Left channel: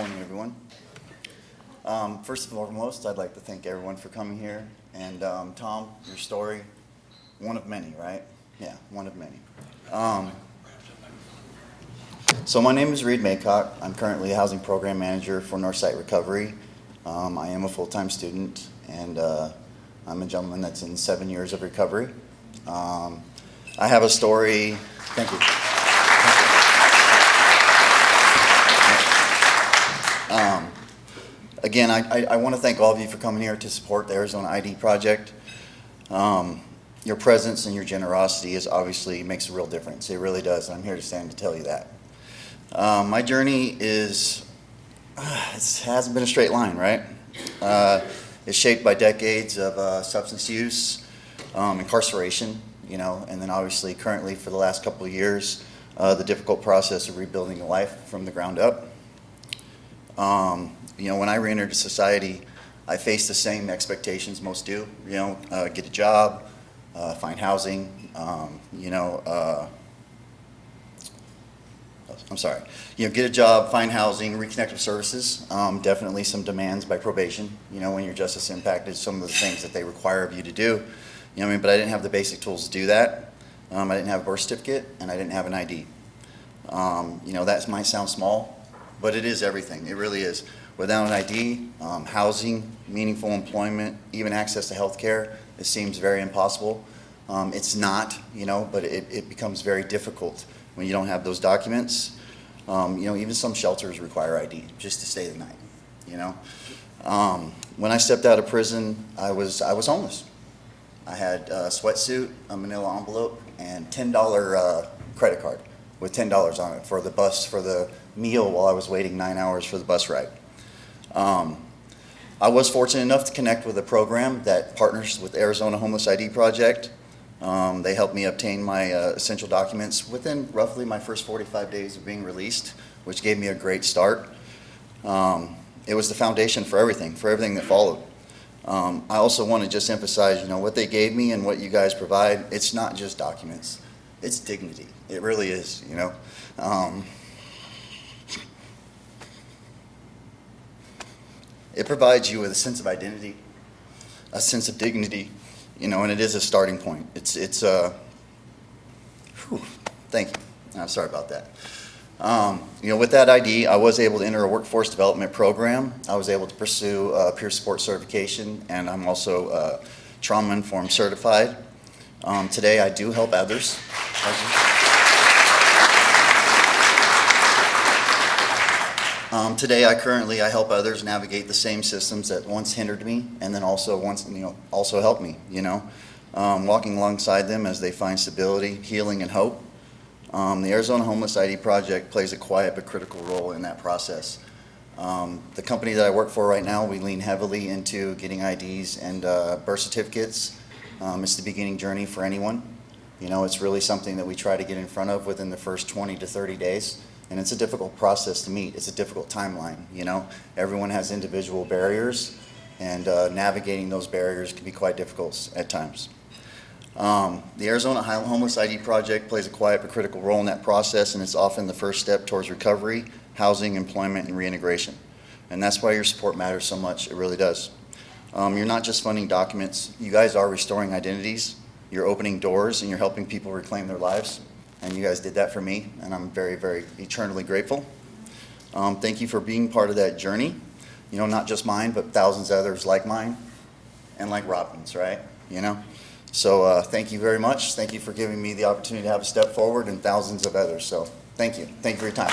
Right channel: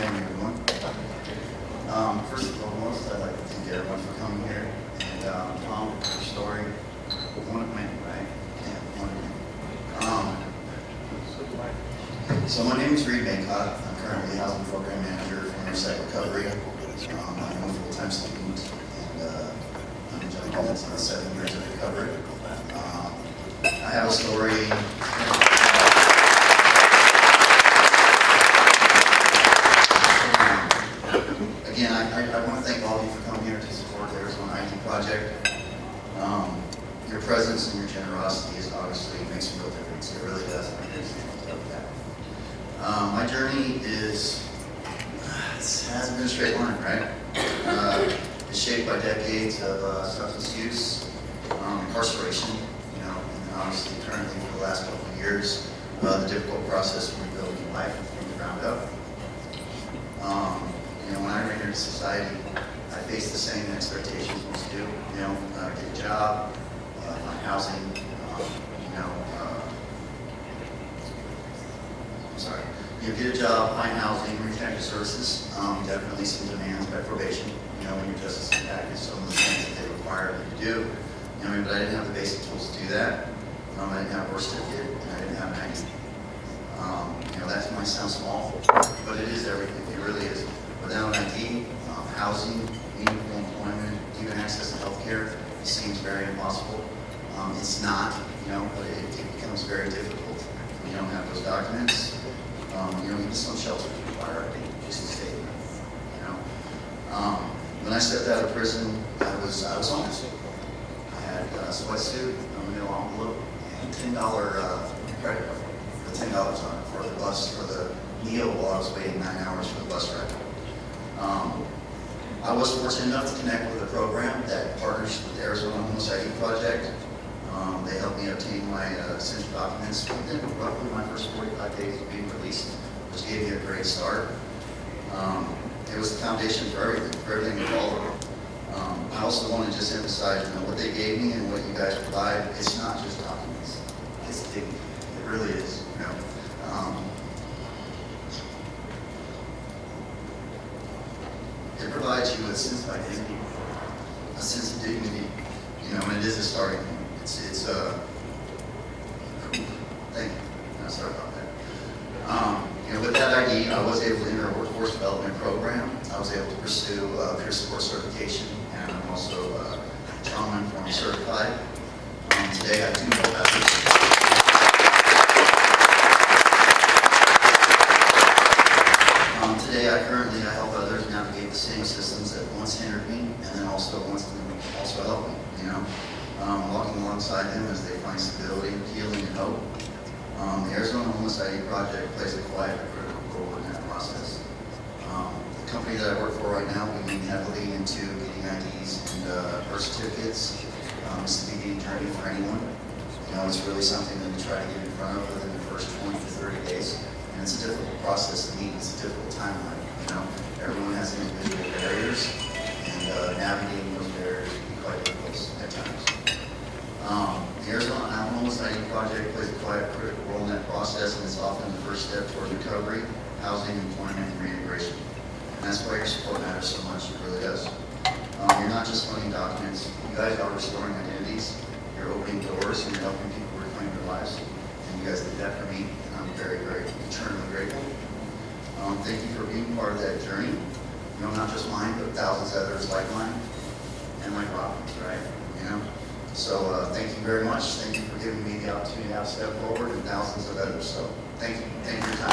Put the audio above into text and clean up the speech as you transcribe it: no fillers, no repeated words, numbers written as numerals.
morning, everyone. First and foremost, I'd like to thank everyone for coming here. And Tom, your story, one of many, right? Yeah, one of many. So my name is Reed Maycock. I'm currently a housing program manager for Northside Recovery. I am a full-time student, and I'm jumping into the 7 years of recovery. I have a story. Thank you. Again, I want to thank all of you for coming here to support the Arizona ID Project. Your presence and your generosity obviously makes a real difference. It really does. I'm here to stand to tell you that. My journey it hasn't been a straight line, right? It's shaped by decades of substance use, incarceration, and then obviously currently for the last couple of years, the difficult process of rebuilding a life from the ground up. When I re-entered society, I faced the same expectations most do. Get a job, find housing. Get a job, find housing, reconnect with services. Definitely some demands by probation. When your justice impacted, some of the things that they require of you to do. But I didn't have the basic tools to do that. I didn't have a birth certificate, and I didn't have an ID. That might sound small, but it is everything. It really is. Without an ID, housing, meaningful employment, even access to health care, it seems very impossible. It's not, but it becomes very difficult when you don't have those documents. Even some shelters require ID just to stay the night. When I stepped out of prison, I was homeless. I had a sweatsuit, a manila envelope, and $10 credit card with $10 on it for the bus, for the meal while I was waiting 9 hours for the bus ride. I was fortunate enough to connect with a program that partners with the Arizona Homeless ID Project. They helped me obtain my essential documents within roughly my first 45 days of being released, which gave me a great start. It was the foundation for everything that followed. I also want to just emphasize, what they gave me and what you guys provide, it's not just documents, it's dignity. It really is, It provides you with a sense of identity, a sense of dignity, and it is a starting point. Thank you. Sorry about that. With that ID, I was able to enter a workforce development program. I was able to pursue peer support certification, and I'm also trauma-informed certified. Today, I do help others. Today, I help others navigate the same systems that once hindered me, and then also helped me. Walking alongside them as they find stability, healing, and hope. The Arizona Homeless ID Project plays a quiet but critical role in that process. The company that I work for right now, we lean heavily into getting IDs and birth certificates. It's the beginning journey for anyone. It's really something that we try to get in front of within the first 20 to 30 days. And it's a difficult process to meet. It's a difficult timeline. Everyone has individual barriers, and navigating those barriers can be quite difficult at times. The Arizona Homeless ID Project plays a quiet but critical role in that process, and it's often the first step towards recovery, housing, employment, and reintegration. And that's why your support matters so much. It really does. You're not just funding documents. You guys are restoring identities. You're opening doors, and you're helping people reclaim their lives. And you guys did that for me, and I'm very, very eternally grateful. Thank you for being part of that journey. Not just mine, but thousands of others like mine, and like Robin's, right? So thank you very much. Thank you for giving me the opportunity to have a step forward, and thousands of others. So thank you. Thank you for your time.